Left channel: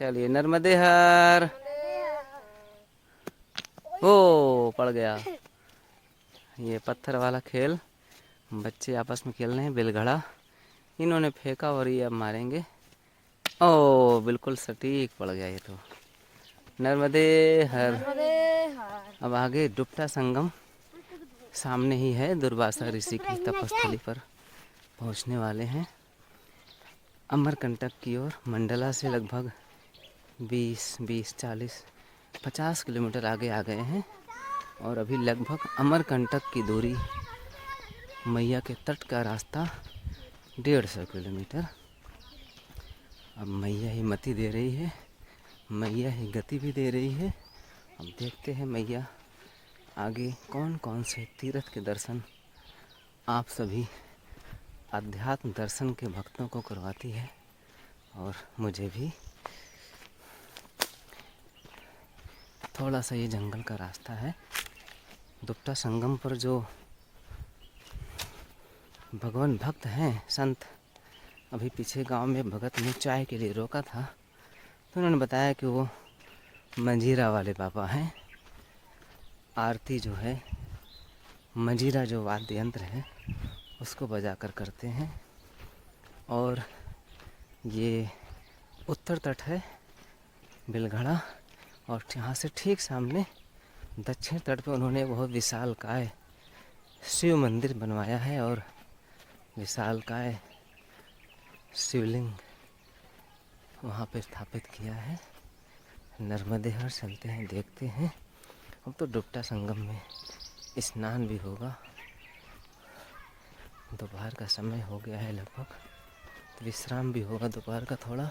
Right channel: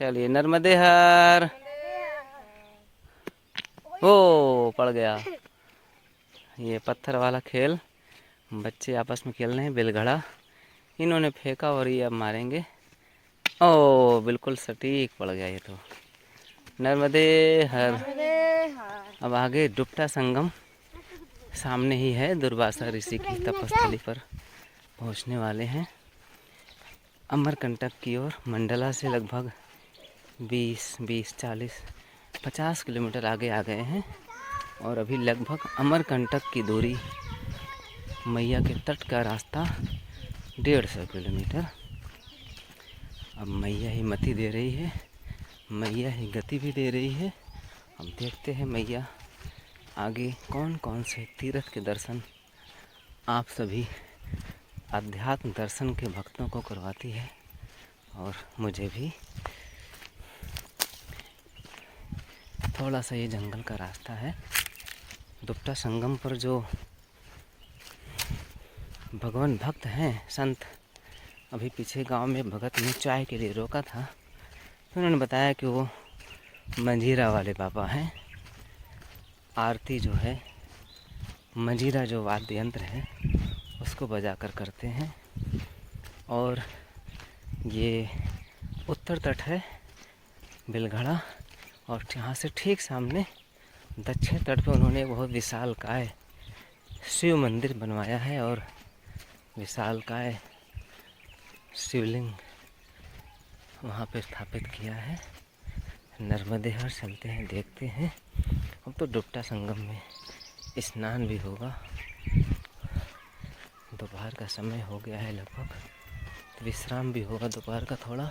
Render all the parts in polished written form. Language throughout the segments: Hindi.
चलिए नर्मदे हर। ओ पड़ गया। ये पत्थर वाला खेल बच्चे आपस में खेल रहे हैं। बिलघड़ा इन्होंने फेंका और ये अब मारेंगे। ओ बिल्कुल सटीक पड़ गया ये तो। नर्मदे हर। अब आगे डुप्टा संगम सामने ही है। दुर्वासा ऋषि की तपस्थली पर पहुंचने वाले हैं। अमरकंटक की ओर मंडला से लगभग 20, 40, 50 किलोमीटर आगे आ गए हैं और अभी लगभग अमरकंटक की दूरी, मैया के तट का रास्ता 150 किलोमीटर। अब मैया ही मति दे रही है, मैया ही गति भी दे रही है। अब देखते हैं मैया आगे कौन कौन से तीर्थ के दर्शन आप सभी अध्यात्म दर्शन के भक्तों को करवाती है और मुझे भी। थोड़ा सा ये जंगल का रास्ता है। दुप्टा संगम पर जो भगवान भक्त हैं संत, अभी पीछे गांव में भगत ने चाय के लिए रोका था तो उन्होंने बताया कि वो मंजीरा वाले पापा हैं। आरती जो है मंजीरा जो वाद्य यंत्र है उसको बजा कर करते हैं। और ये उत्तर तट है बिलघड़ा और यहाँ से ठीक सामने दक्षिण तट पर उन्होंने बहुत विशालकाय शिव मंदिर बनवाया है और विशालकाय शिवलिंग वहाँ पे स्थापित किया है। नर्मदे हर चलते हैं, देखते हैं। अब तो डुप्टा संगम में स्नान भी होगा। दोपहर का समय हो गया है लगभग, तो विश्राम भी होगा दोपहर का। थोड़ा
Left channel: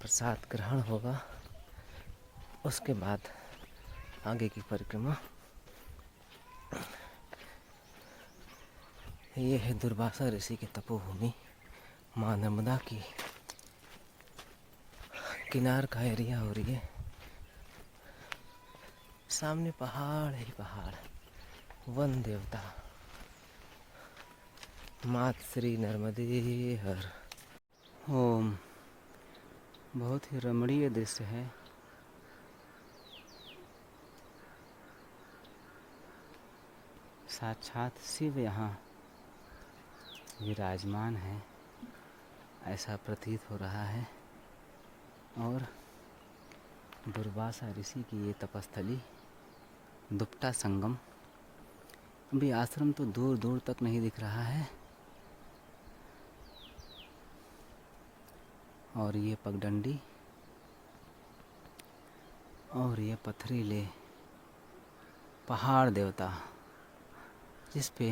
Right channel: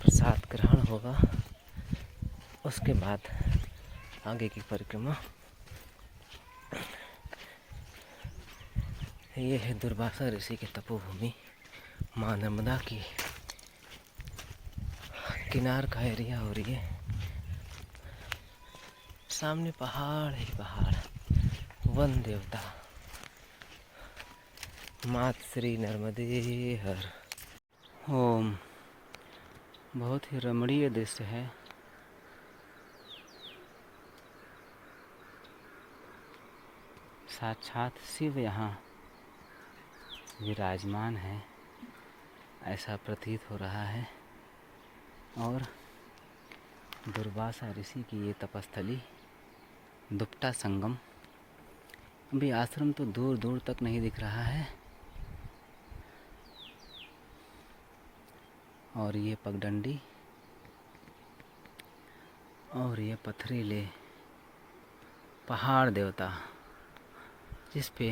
प्रसाद ग्रहण होगा, उसके बाद आगे की परिक्रमा। ये है दुर्वासा ऋषि की तपोभूमि, माँ नर्मदा की किनार का एरिया। और ये सामने पहाड़ ही पहाड़, वन देवता मात श्री नर्मदे हर। ओम। बहुत ही रमणीय दृश्य है। साक्षात शिव यहाँ विराजमान है ऐसा प्रतीत हो रहा है। और दुर्वासा ऋषि की ये तपस्थली दुप्टा संगम। अभी आश्रम तो दूर दूर तक नहीं दिख रहा है। और ये पगडंडी और ये पथरीले पहाड़ देवता जिस पे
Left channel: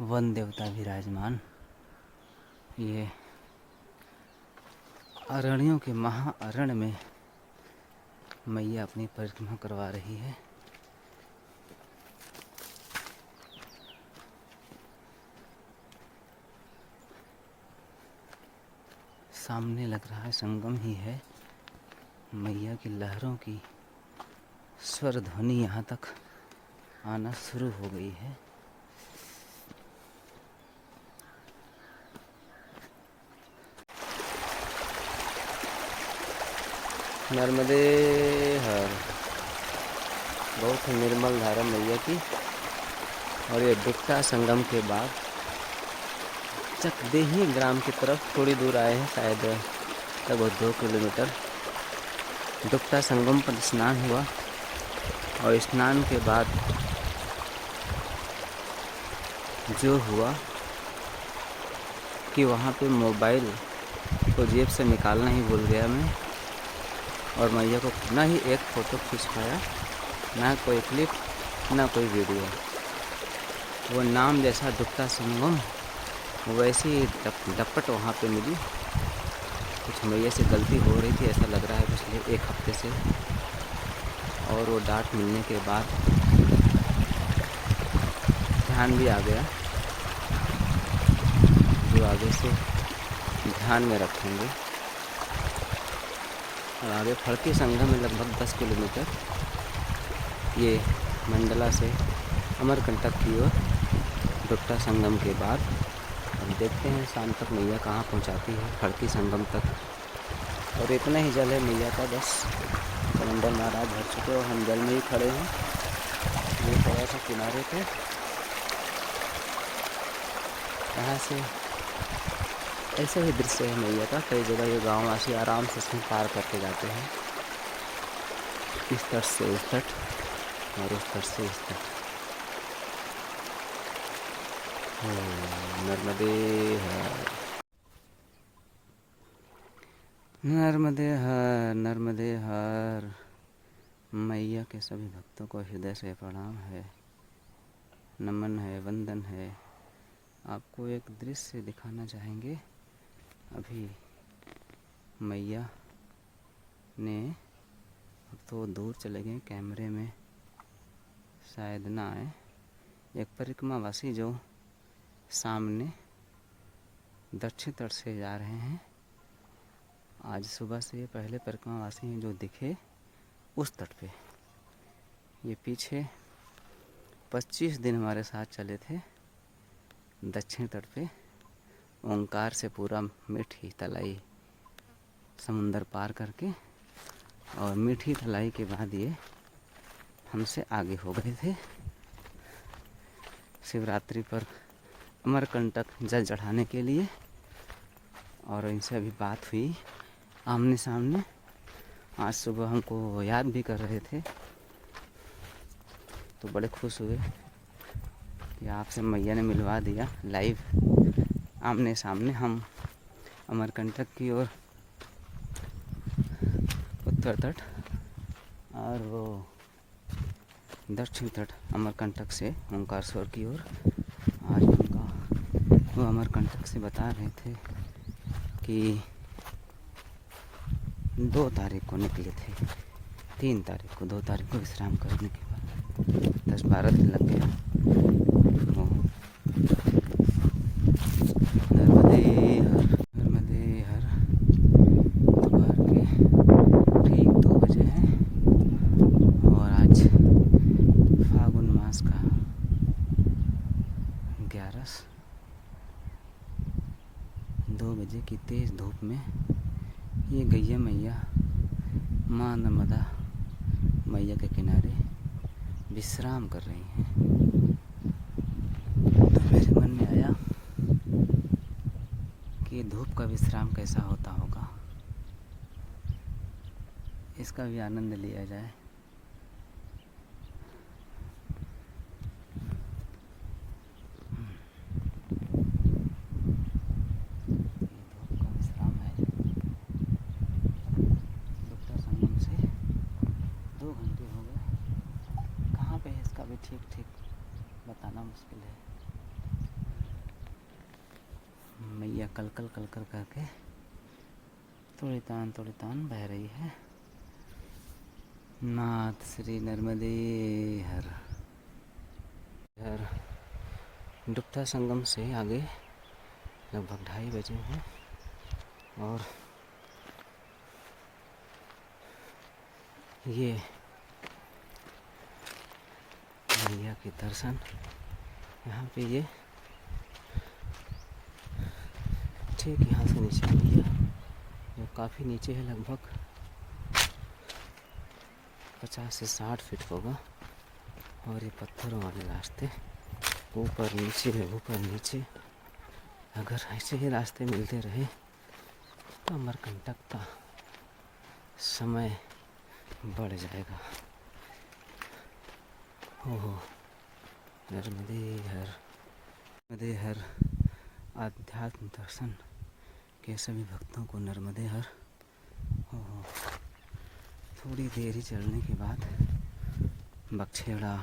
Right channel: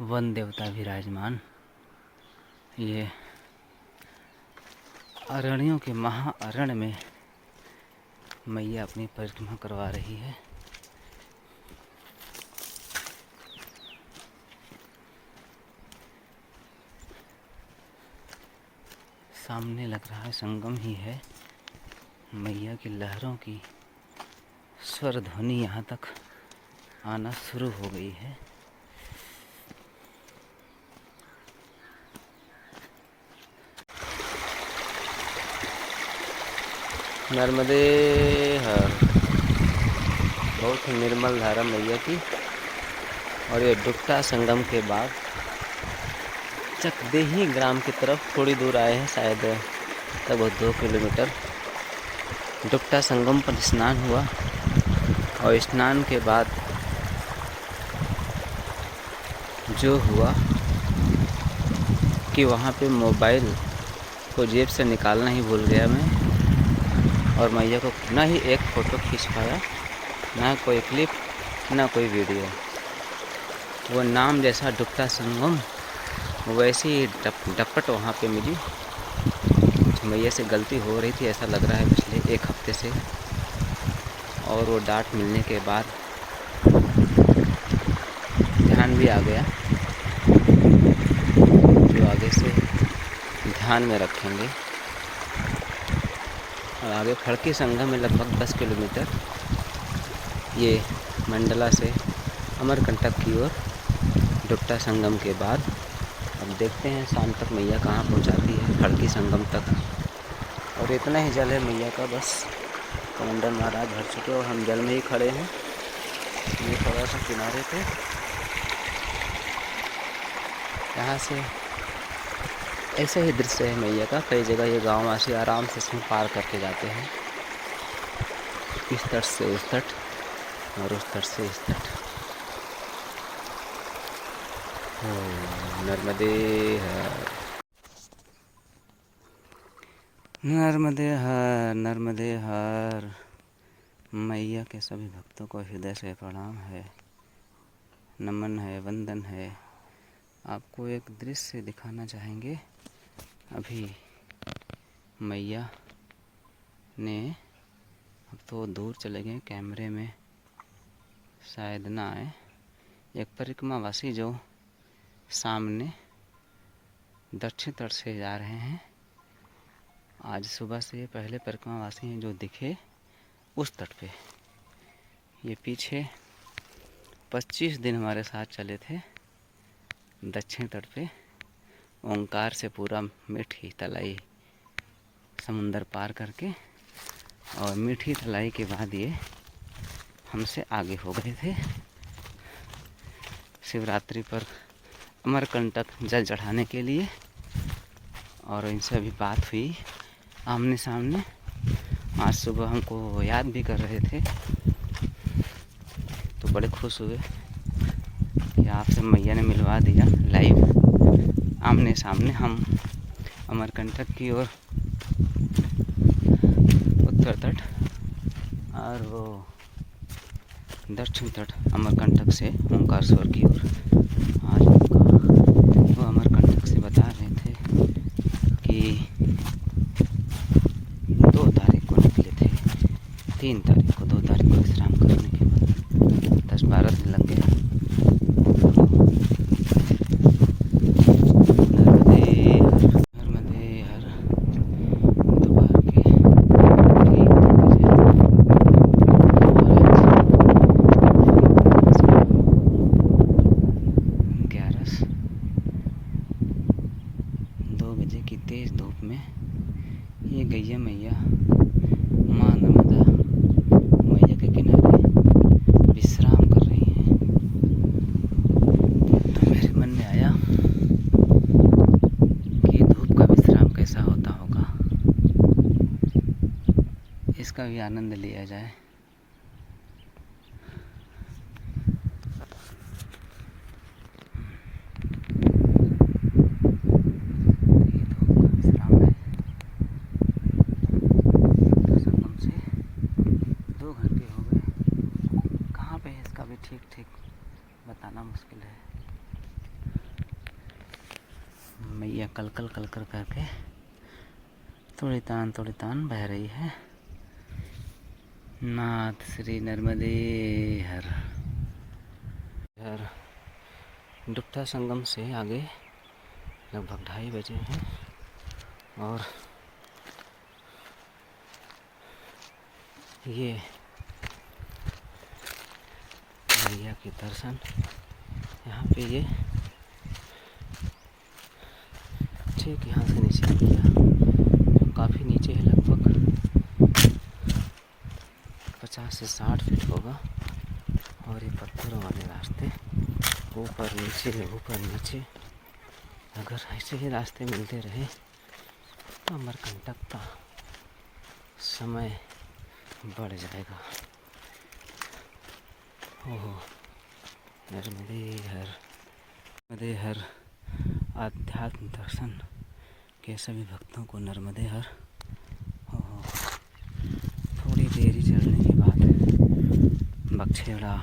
वन देवता विराजमान। ये अरण्यों के महाअरण्य में मैया अपनी परिक्रमा करवा रही है। सामने लग रहा है संगम ही है। मैया की लहरों की स्वर ध्वनि यहाँ तक आना शुरू हो गई है। नर्मदे हर। बहुत ही निर्मल धारा मैया की। और ये डुप्टा संगम के बाद चकदेही ग्राम की तरफ थोड़ी दूर आए हैं, शायद लगभग 2 किलोमीटर। डुप्टा संगम पर स्नान हुआ और स्नान के बाद जो हुआ कि वहाँ पे मोबाइल को जेब से निकालना ही भूल गया मैं। और मैया को ना ही एक फ़ोटो खींच पाया, ना कोई क्लिप, ना कोई वीडियो। वो नाम जैसा डुप्टा संगम वैसी ही डपट वहाँ पे मिली। कुछ मैया से गलती हो रही थी ऐसा लग रहा है पिछले 1 हफ्ते से। और वो डांट मिलने के बाद ध्यान भी आ गया, जो आगे से ध्यान में रखेंगे। और आगे फड़की संगम में लगभग 10 किलोमीटर ये मंडला से अमरकंटक की ओर डुप्टा संगम के बाद। अब देखते हैं शाम तक मैया कहाँ पहुँचाती है, फड़की संगम तक। और इतना ही जल है मैया का, बस कमंडल महाराज भर चुके और हम जल में ही खड़े हैं। ये थोड़ा सा किनारे पे, यहाँ से ऐसे ही दृश्य है मैया का। कई जगह ये गाँव वासी आराम से इसमें पार करके जाते हैं, इस तट से उस तट और उस तट से इस तट। नर्मदे हर, नर्मदे हर, नर्मदे हर। मैया के सभी भक्तों को हृदय से प्रणाम है, नमन है, वंदन है। आपको एक दृश्य दिखाना चाहेंगे। अभी मैया ने, अब तो दूर चले गए, कैमरे में शायद ना आए। एक परिक्रमावासी जो सामने दक्षिण तट से जा रहे हैं, आज सुबह से ये पहले परिक्रमावासी हैं जो दिखे उस तट पे। ये पीछे 25 दिन हमारे साथ चले थे दक्षिण तट पे, ओंकार से पूरा मीठी तलाई समुंदर पार करके, और मीठी तलाई के बाद ये हमसे आगे हो गए थे। शिवरात्रि पर अमरकंटक जल चढ़ाने के लिए, और इनसे अभी बात हुई आमने सामने। आज सुबह हमको याद भी कर रहे थे, तो बड़े खुश हुए कि आपसे मैया ने मिलवा दिया लाइव आमने सामने। हम अमरकंटक की ओर उत्तर तट और वो दक्षिण तट अमरकंटक से ओंकारेश्वर की ओर। आज वो अमरकंटक से बता रहे थे कि 2 तारीख को निकले थे, 3 तारीख को, 2 तारीख को विश्राम करने के बाद 10-12 दिन लग गया। नर्मदे हर, नर्मदे हर। दोपहर के ठीक 2 बजे और आज 2 बजे की तेज़ धूप में ये गैया मैया माँ नर्मदा मैया के किनारे विश्राम कर रही हैं। तो मेरे मन में आया कि धूप का विश्राम कैसा होता होगा, इसका भी आनंद लिया जाए। ठीक ठीक बताना मुश्किल है। मैया कल कल कल कर करके थोड़ी तान बह रही है। नाथ श्री नर्मदे हर। हर डुप्ता संगम से आगे लगभग 2:30 बजे हैं, और ये मैया के दर्शन यहाँ पे, ये ठीक यहाँ से नीचे मैया जो काफ़ी नीचे है, लगभग 50 से 60 फीट होगा। और ये पत्थरों वाले रास्ते ऊपर नीचे, अगर ऐसे ही रास्ते मिलते रहे तो अमरकंटक का समय बढ़ जाएगा। ओहो, नर्मदे हर, नर्मदे हर। आध्यात्म दर्शन के सभी भक्तों को नर्मदे हर। ओहो, थोड़ी देरी चलने के बाद बक्छेड़ा,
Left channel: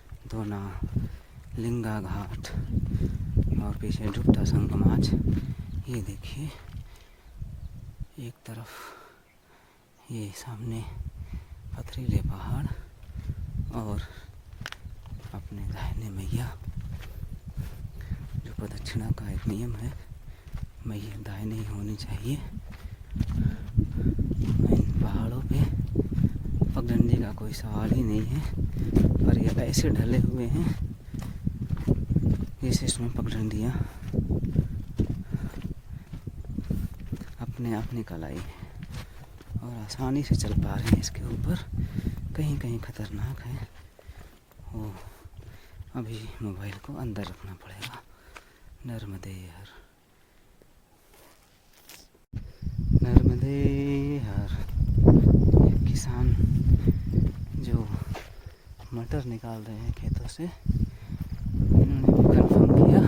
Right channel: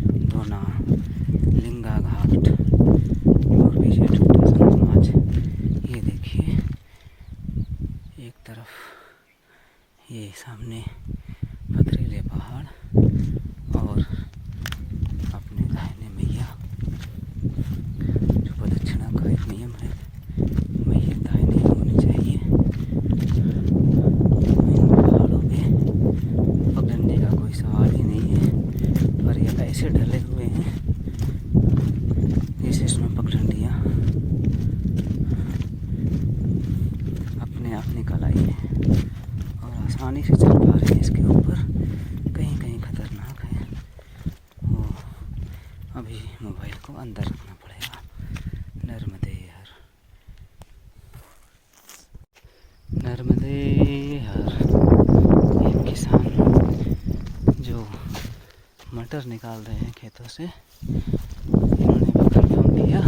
दोना, लिंगा घाट और पीछे डुप्ता संगम। आज ये देखिए, एक तरफ ये सामने पथरीले पहाड़ और अपने दाहिने मैया। जो प्रदक्षिणा का एक नियम है, मैया दाहिने होनी चाहिए। इन पहाड़ों पे पगडंडी का कोई सवाल ही नहीं है, पर ये ऐसे ढले हुए हैं जैसे इसमें पगडंडियाँ अपने आप निकल आई है और आसानी से चल पा रही है इसके ऊपर। कहीं कहीं खतरनाक है, वो अभी मोबाइल को अंदर रखना पड़ेगा। नर्मदे हर, नर्मदे हर। एक किसान जो मटर निकाल रहे हैं खेतों से, इन्होंने भी कंफर्म किया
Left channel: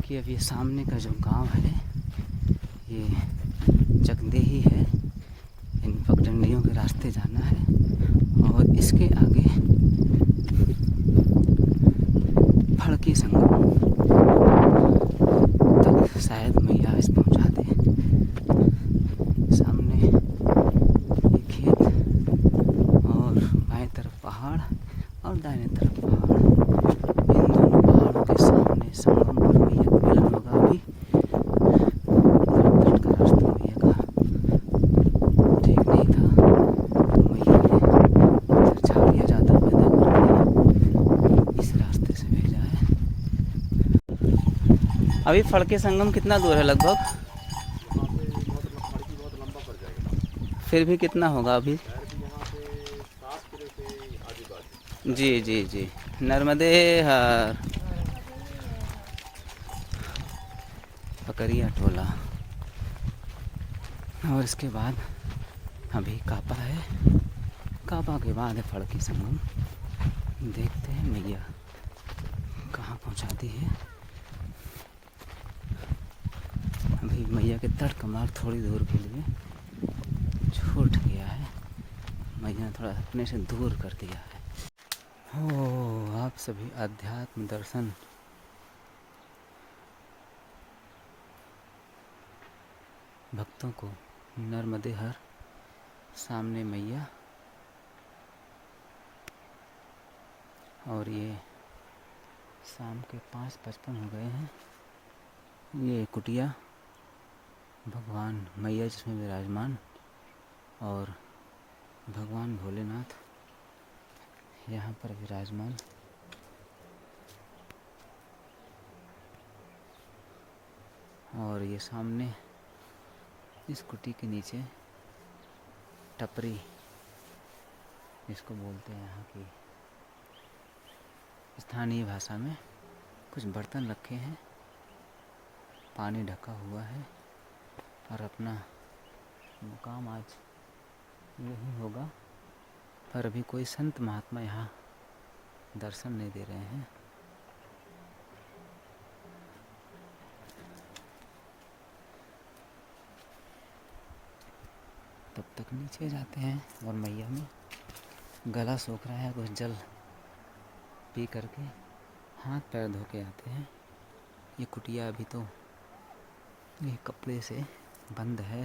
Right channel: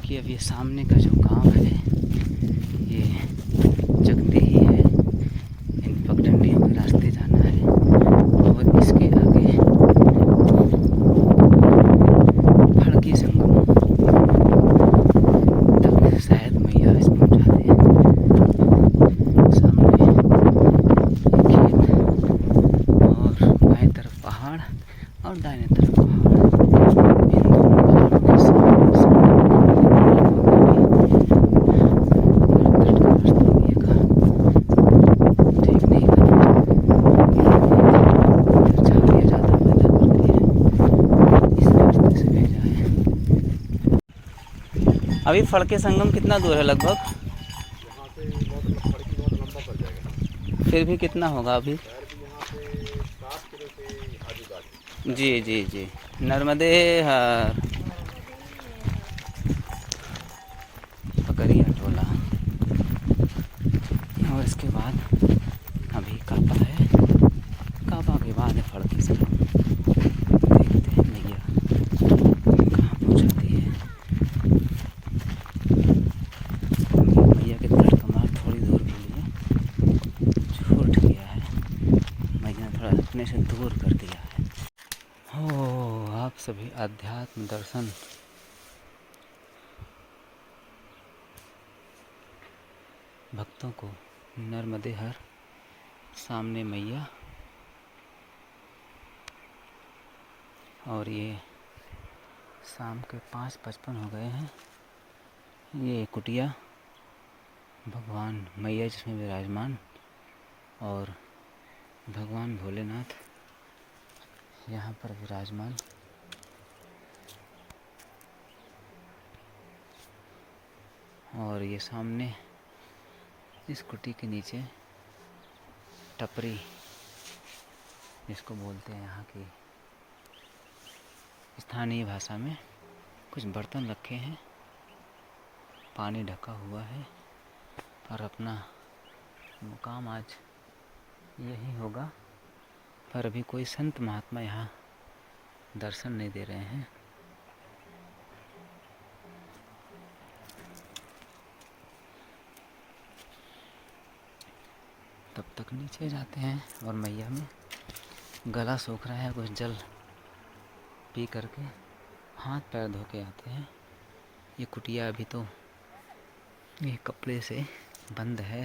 कि अब ये सामने का जो गांव है ये जगदेही है, इन पगडंडियों के रास्ते जाना है और इसके आगे फड़की संगम तक शायद मैया इस पहुँचाते हैं। सामने ये खेत और बाएं तरफ पहाड़ और दाहिने तरफ पहाड़, इन दोनों पहाड़ों के सामने ठीक नहीं था, झाड़ियाँ ज़्यादा पैदा करती हैं, इस रास्ते से भेजा है। अभी फड़के संगम कितना दूर है लगभग? फिर भी कितना होगा अभी? जी जी जी। नर्मदे हर, पकड़िया टोला। और इसके बाद अभी कापा है, कापा के बाद है फड़की संगम। देखते हैं मैया कहाँ पहुँचाती है। अभी मैया के दर का मार्ग थोड़ी दूर के लिए छूट गया है, मैया थोड़ा अपने से दूर कर दिया है। हो, आप सभी आध्यात्म दर्शन भक्तों को नर्मदे हर, सामने मैया और ये शाम के 5:55 हो गए हैं। ये कुटिया भगवान मैया जिसमें विराजमान और भगवान भोलेनाथ यहाँ पर विराजमान। और ये सामने इस कुटी के नीचे टपरी जिसको बोलते हैं यहाँ की स्थानीय भाषा में, कुछ बर्तन रखे हैं, पानी ढका हुआ है और अपना मुकाम आज यही होगा। पर अभी कोई संत महात्मा यहाँ दर्शन नहीं दे रहे हैं। तब तक नीचे जाते हैं और मैया में गला सूख रहा है, कुछ जल पी करके हाथ पैर धो के आते हैं। ये कुटिया अभी तो ये कपड़े से बंद है,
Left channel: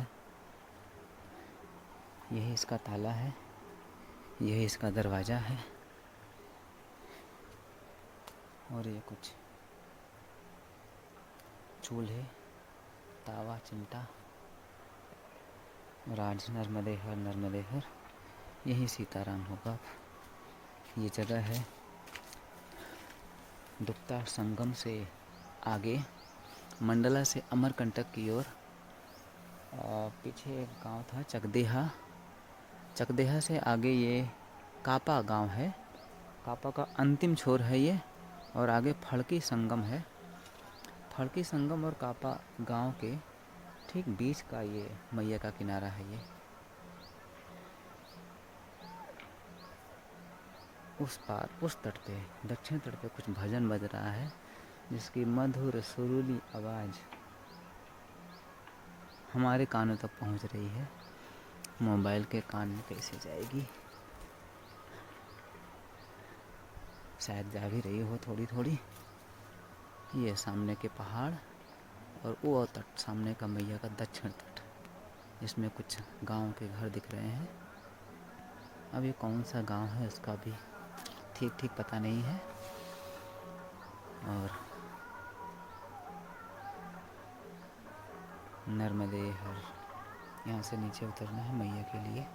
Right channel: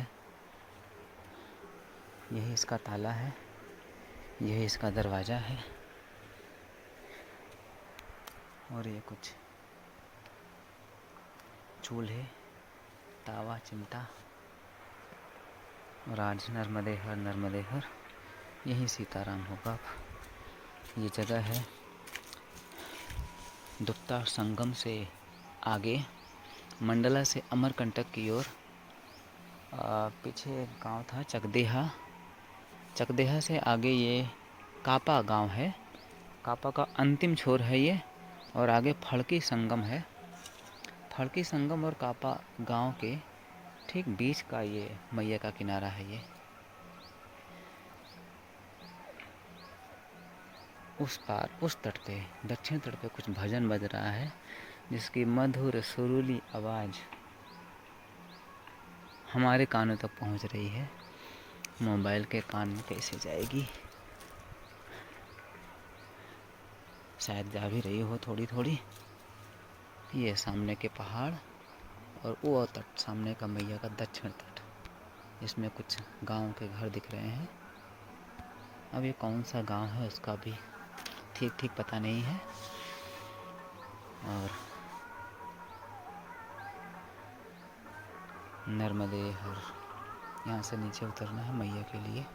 यही इसका ताला है, यही इसका दरवाज़ा है। और ये कुछ चूल्हे, तावा, चिमटा। और आज नर्मदे हर, नर्मदे हर, यही सीताराम होगा। ये जगह है दुप्ता संगम से आगे, मंडला से अमरकंटक की ओर। पीछे एक गांव था चकदेहा, चकदेहा से आगे ये कापा गांव है, कापा का अंतिम छोर है ये। और आगे फड़की संगम है, फड़की संगम और कापा गांव के ठीक बीच का ये मैया का किनारा है। ये उस पार, उस तट पे, दक्षिण तट पे कुछ भजन बज रहा है जिसकी मधुर सुरीली आवाज़ हमारे कानों तक पहुंच रही है। मोबाइल के कान में कैसे जाएगी? शायद जा भी रही हो थोड़ी थोड़ी। ये सामने के पहाड़ और वो तट, सामने का मैया का दक्षिण तट, इसमें कुछ गांव के घर दिख रहे हैं। अब ये कौन सा गांव है उसका भी ठीक पता नहीं है। और नर्मदे हर, यहाँ से नीचे उतरना है मैया के लिए।